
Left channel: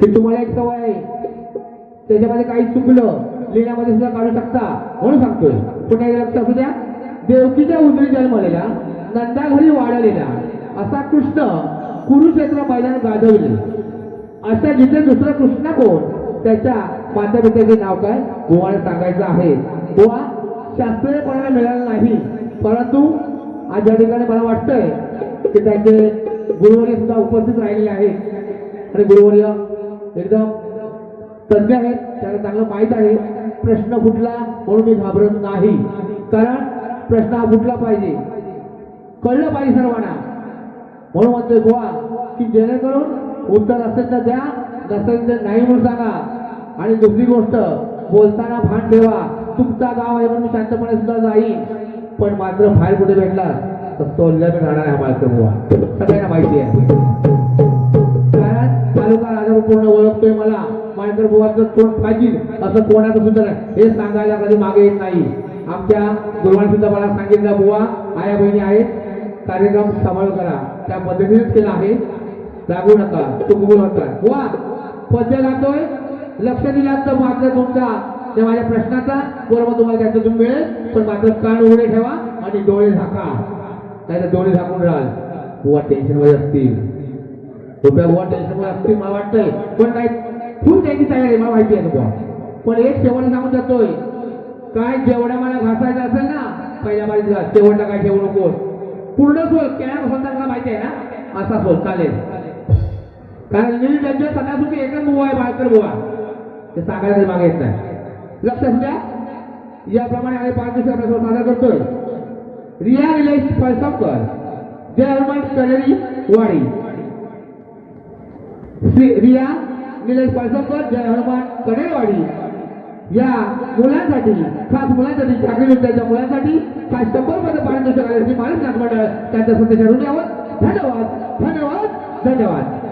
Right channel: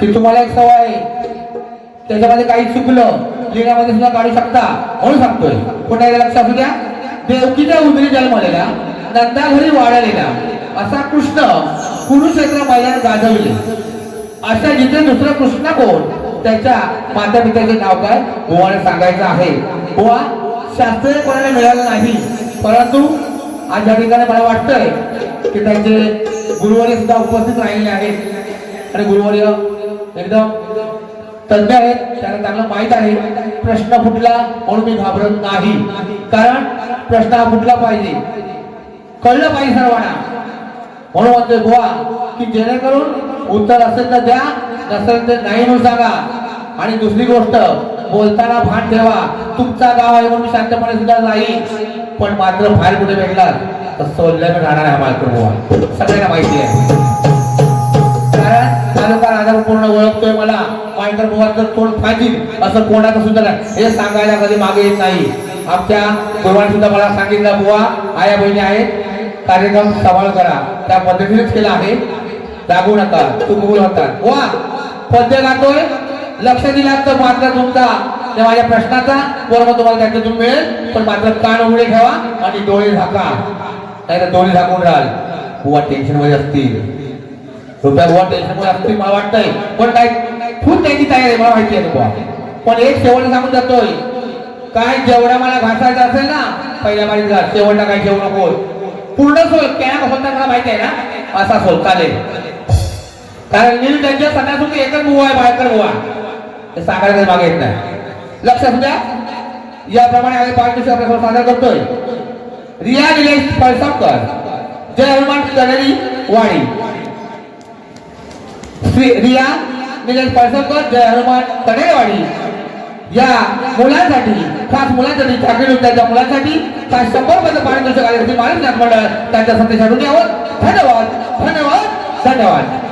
की तुम्हाला एक सवय आहे, त्याच्यामध्ये काही चुकलं लिहिण्यामध्ये सुद्धा काढू शकता म्हणून सांगतोय. पुन्हा एकदा लक्ष असू द्या. देवकीच्या उदरी जन्मलेला नंदाघरी वाढलेला असा कृष्ण कुरुक्षेत्र मैदानात गाजवले अशा जिथे दुसरा कृष्ण कोण, त्याच्या माता पित्याचे नाव काय बुवाने सांगायचं आहे. बुवा शास्त्रीयपणाने मिळालं नाही, परंतु आज या ठिकाणी मला वाटतंय की त्यांचे गुरुवर्य सुद्धा उपस्थित राहिलेले आहेत आणि गुरुवर्य एकदम तज्ञ आहेत. त्याला चांगलं माहित आहे प्रश्न फुटला म्हणून मी घाबरत नाही, कारण प्रश्न हा फुटला पाहिजे, कळलं पाहिजे सर्वांना, म्हणून म्हणतोय बुवा की जेणेकरून उत्तर असेल तर द्या, नसेल तर नाही म्हणून सांगा. आणि दुसरी गोष्ट, बोलताना भान ठेवा, तुमचा गाव आहे म्हणून शांतपणे सुद्धा जाईल, पण मात्र बाहेर कुठे भेटला तर सोल्ल्याकडे राहणार आहे मालकर बुवा, सगळ्यांना माहिती आहे. कारण तालुका राजा पूर्ण ओळखतोय मला, मालकर बुवा जर कोण फाजील असं कोणाचं सुद्धा नाही हे सांगायला कधी मागे येत नाही. आमच्या गुरुवारी सुद्धा मला सांगितलं बुवा आया बहिणी आहेत, कार्यक्रम सांभाळ करा, त्या पद्धतीनेच केला आहे, जागू नका, चुकवू नका. बुवा पद्य गातोय, लक्ष दिला तर मात्र तुमचा माझ्या प्रश्नाचा बरोबर तुम्हाला त्याच्यातून मिळेल, पण मात्र कान उघडे ठेवा आणि डोळे झाका, नाही तर डोळे झाकून राहाल. बुवा टेन्शन मध्ये असतील, बुवा टेन्शन मध्ये असतील मला वाटतंय, पण काय खूप त्याची तयारी आहे मला माहिती आहे बुवा. पण एक शेवट सांगून जातोय, काय जेवढा मला घासायचा असेल ना पहिल्या बारीचा शेवटला काय ठेवू नको, पूर्ण सोल कॅना कसं मला माहिती आहे ना, असा सोल चालेल. कारण नील त्यांच्या सणासुद्धा एकच बुवा आहे, बायकर बुवा, ते सांगायला मागे येत नाही. लक्षात द्या, याप्रमाणे आम्ही 5 दिवशी आपल्याला सादर करतोय. रिया निलेश पळसावकर, जय हनुमान कनेरी वाडी. रिया निलेश पळसावकर, जय हनुमान कनेरी वाडी या मुलांसाठी, खास मुलांसाठी, चाकरी विद्यार्थ्या मुलांसाठी खास 100 पारितोषिक आले श्री माणूस नाथ मंडळ त्यांच्या संदेशातून यावं. धन्यवाद धन्यवाद धन्यवाद.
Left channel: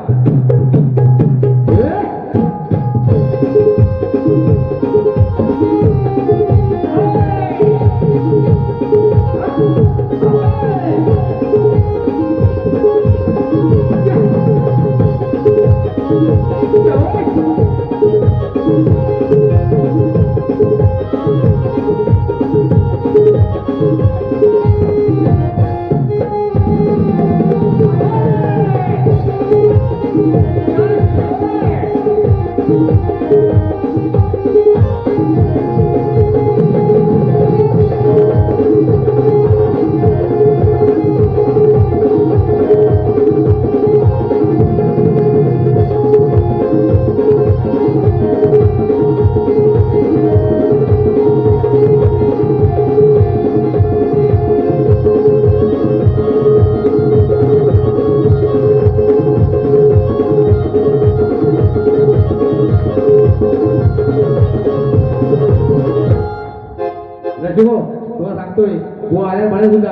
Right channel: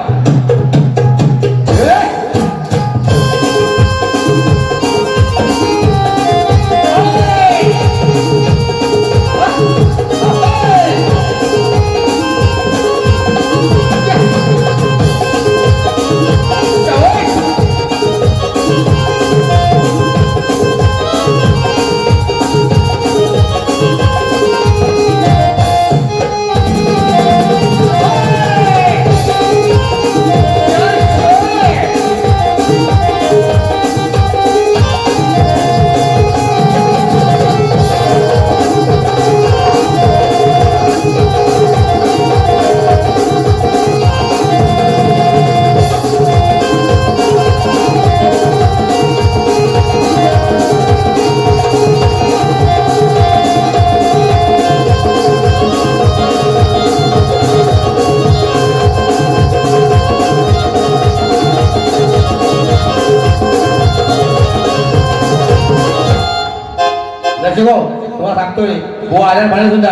तुम्हाला सांगतोय बुवा आल्या म्हणे सुद्धा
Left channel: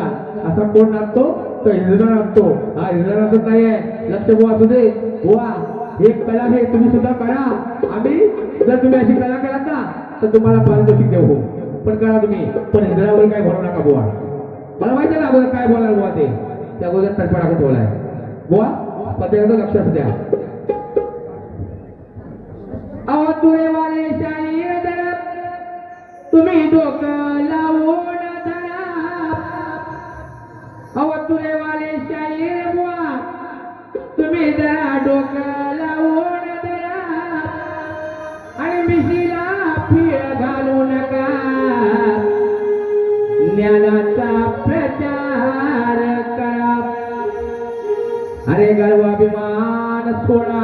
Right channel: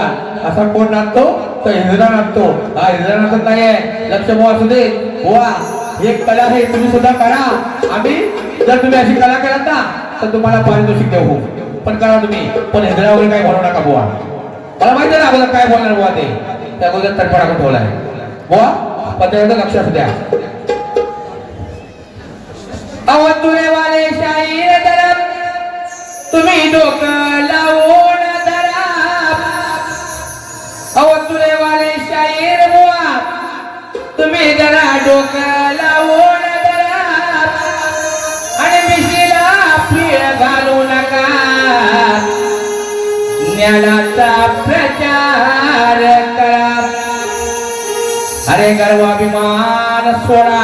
असा कोण नाचतो तर हिरडा नाचतो, हा हिरडा नाचत नाहीये. लक्ष बुवा असू दे, बुवा एक कला आहे, तुम्ही सुद्धा करा. आम्ही जर तुम्ही अशी कला केलात ना तर तुम्हाला पारितोषिक देऊ, पण करा तुम्ही, पण हिरडा वगैरे काही बोलू नका बुवा. मला माहिती आहे ना अगोदर काय बोलणार बुवा, ते त्याबद्दल तडफड आपण बोलाय बुवा, पद्धतीचं लक्ष असू द्या. अवतुरे वाले शाहीर तरफ तुम्ही डोकं लावून धरा, अवतुरे वाले शाहीर बुवा तुम्ही जरा डोकं लावून धरा, आणि मिशीला पीळ घालू नका, ज्ञानाचा प्रचार करा. अरे गर्वाभिमान सोडा,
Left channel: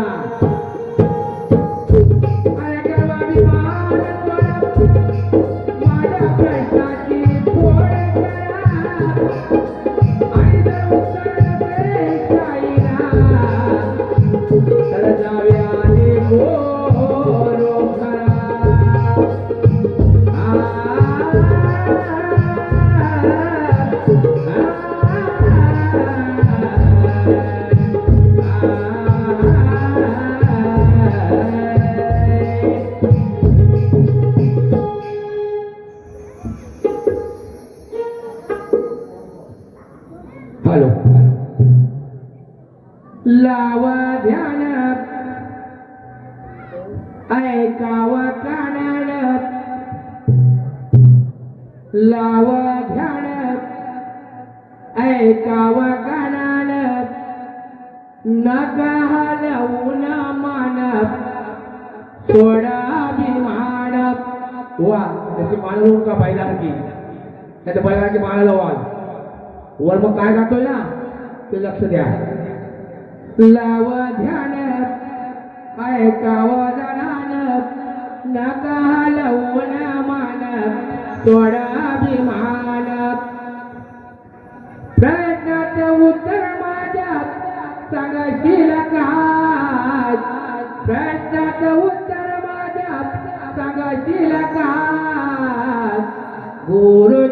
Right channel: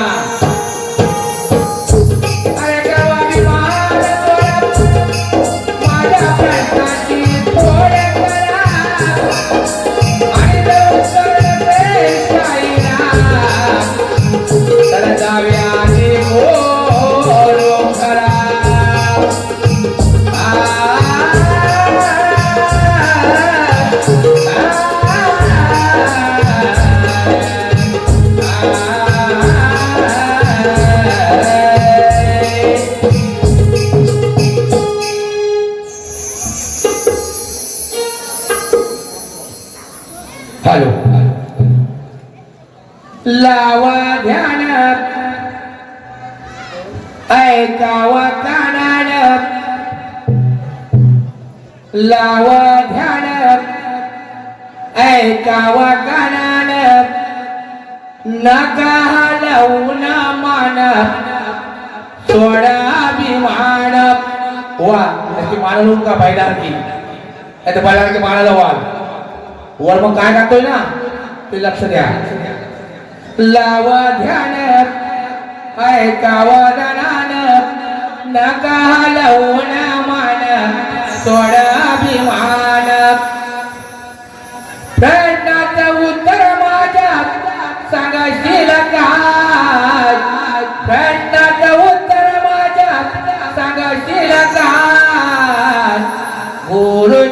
हॅलो, लावा ध्यान, ऐकावा कानान, लावा ध्यान, ऐकावा कानान, नका हलवून मान, सोडा अभिमान. वा त्याची मान लोक का पाहिला की त्याच्या पाहिला की मानाला वाल वर मग काय गातोय ना ते लक्ष द्या. लावा ध्यान, ऐकावा दानान, नका हलवून मान सोड अभिमान प्रश्नात उत्तर माझ्या सांगशील काय प्रश्नात उत्तर माझ्या सांगशील काय बोलू